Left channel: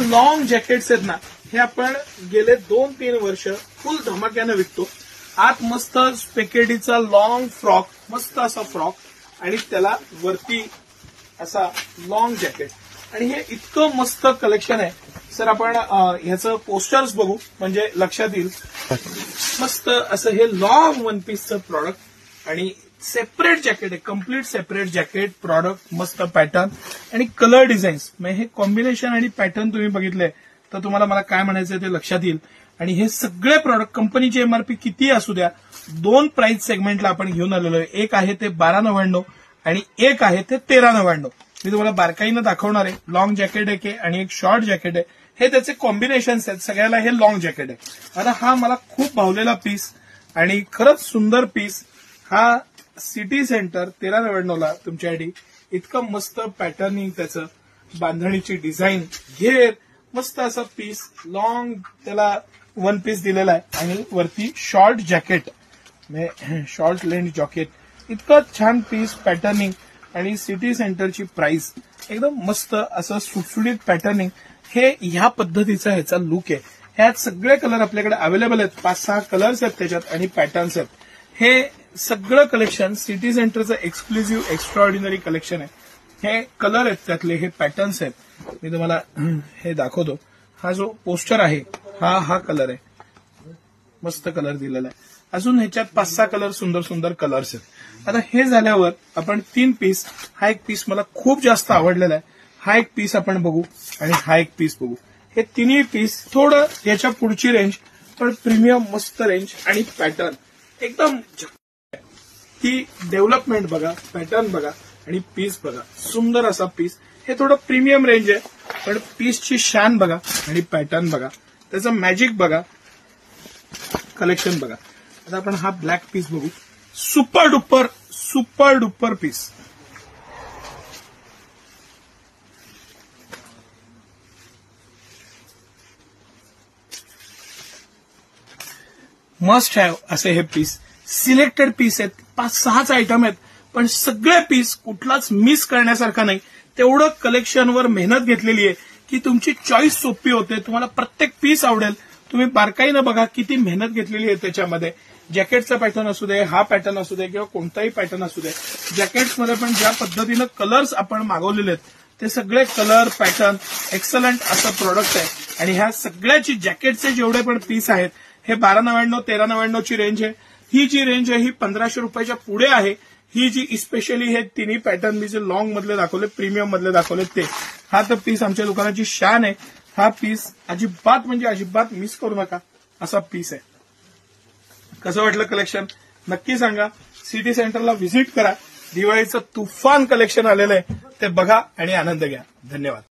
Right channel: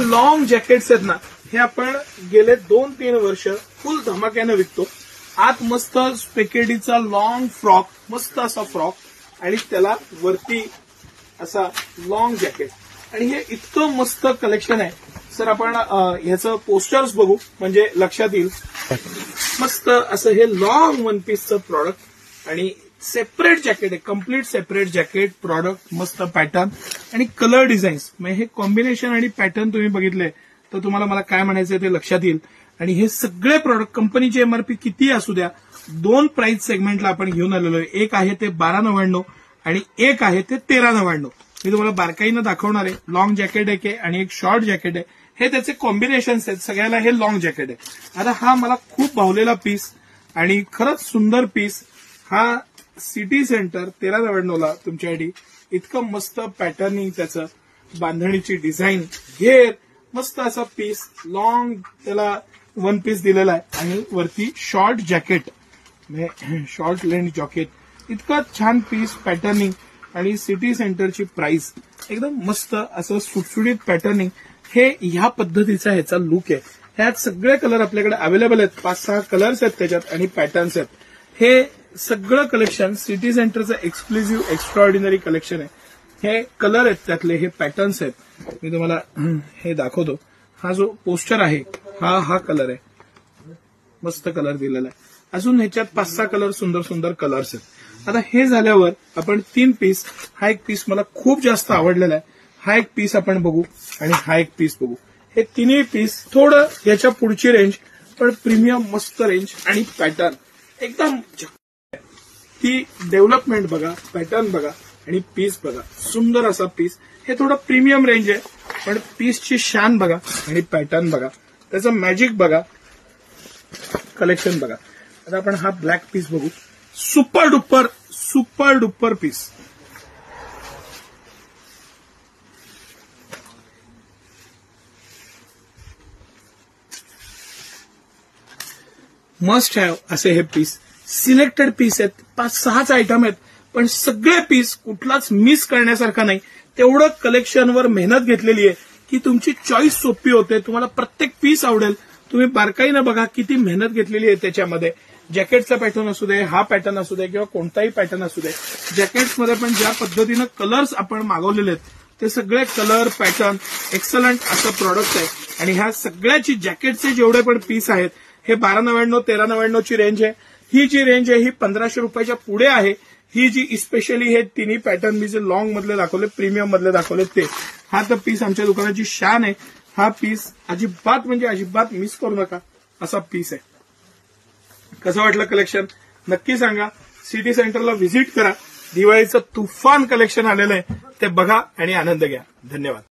Long jackets आहेत ना, हे आपण गेले 2-3 वर्ष फुल धमाक्याने विकतो. आत मस्त स्पेकेडीचा लॉंग फ्रॉक, मस्त असा फ्रॉक आणि त्याला वरती असा लॉंग जॅकेट, आणि हे इतकं मस्त कलेक्शन आहे. सर आपण ह्याचं पोस्टर्स बघू म्हणजे लक्षात येईल. मस्त असं हे लॉंग वन पीसचं प्रॉडक्ट आणि सेपरेट जॅकेट आहे, कम्प्लीट सेपरेट जॅकेट प्रॉडक्ट, मस्त पॅटर्न आणि कलर डिझाईन्स. म्हणजे हे कॉम्बिनेशन आणि पॅटर्न तुम्ही बघितले तर तुम्हाला मला काय म्हणायचं ते लक्षात येईल. आणि हे सगळे प्रॉडक्ट कंपनीची एमआरपी किती असू द्या, 2 प्राइस सेगमेंटला आपण घेऊन आलेलो आहे. एक आहे ते 12.99 आणि एक आहे ते 13.99. मी तुम्हाला बारकाईनं दाखवणार आहे. लॉंग जॅकेट एक आहे आणि एक शॉर्ट जॅकेट आहे. हे त्याचे कॉम्बिनेशन्स आहेत. सगळ्याला हे लॉंग जॅकेट आहे. आता हा मला खूप भावलेला पीस आणि खरंच सुंदर पीस. हा सिटी सेंटर 13.99ला तुमच्यासाठी. इतकं मस्त पॅटर्निंग, त्याचं बांधणीची डिझाईन, घेर, मस्त असा पीस, लॉंग त्याला वन पीस दिलेला आहे आणि वरती short jacket, short length jacket. इतकं छान पीस, पॅटर्निंग आणि सिटी सेंटरची प्राइस एकदम मस्त असं सुटसुटीत पॅटर्निंग. हे ह्या पद्धतीचा ह्याचा लुक आहे. ह्यात सगळे कलर आपल्याकडे अवेलेबल आहेत. 5-6 कलर्स आहेत त्याच्यात आणि पॅटर्न्स आहेत. हे सगळं कलेक्शन सिटी सेंटरचं एक्सक्लुझिव्ह एक्स्ट्राऑर्डिनरी कलेक्शन आहे. हे कलर आहेत त्यातले, हे पॅटर्न्स आहेत. मी तुम्हाला हे दाखवतो. हा जो पोस्टर आहे हा कलर आहे, मस्त कलर दिलेला आहे. अजून ह्याच्यात 5-6 कलर, सुंदर सुंदर कलर्स आहेत. आता हे झाल्यावर आपण 3 पीस, हा एक पीस मला खूप जास्त आवडलेला आहे. हा एक पीस आपण बघू आणि हा एक पीस बघू. हे तिन्ही पीस थोडं याच्या पुढची रेंज, पण प्रीमियम मस्त रेंज आणि पॅटर्न एकदम. ती डेव्हलपमेंट बघा, पॅटर्न बघा आणि पीस बघा. सुंदर असा पीस. हे थोडं प्रीमियम रेंज आहे, पण पीसची शान बघा आणि पॅटर्न बघा, त्याचं मॅजिक बघा, कलेक्शन बघा. आता आपण हा ब्लॅक पीस बघू. Super duper piece. Must have असे हे पीस. सिलेक्टेड पीस आहेत, 5-6च आयटम आहेत, पण सगळे पीस कुठलाच मिस करण्यासारखा नाही. तेवढं कलेक्शनवर मेहनत घेतलेली आहे की तुमची चॉईस सोपी होते. तुम्हाला प्रत्येक पीस आवडेल. तुम्ही बारकाईनं बघा किती मेहनत घेतलेली आहे त्याच्यामध्ये. जॅकेटचा पॅटर्न असू दे, हा पॅटर्न असू दे किंवा कोणताही पॅटर्न असू दे, जॅकेट्समध्ये पण ज्या पद्धतीनं कलर्स आपण मागवलेले आहेत ते सगळे कलर, पॅटर्न एक्सलंट असं प्रोडक्ट आहे. आणि ह्या सगळ्याची जॅकेटचे जेवढे पण पीस आहेत हे 12.99, 13.99 ची रेंज आहे. ही जी रेंज आहे ही 1500 रुपयाच्या पुढे आहे. ही जी स्पेशली हे तिन्ही पॅटर्न मी जे लॉंग मधले दाखवले, प्रीमियम मधले दाखवले ते, हा तर पीस आमच्या दुकानाची शान आहे. हा पीस अजिबात म्हणजे अजिबात मिस करू नका असा पीस आहे. कसं वाटलं कलेक्शन नक्की सांगा. सिटी सेंटरला व्हिजिट करा. दिवाळीचं तुफान कलेक्शन आलेलं आहे ते बघा आणि आनंद घ्या. धन्यवाद.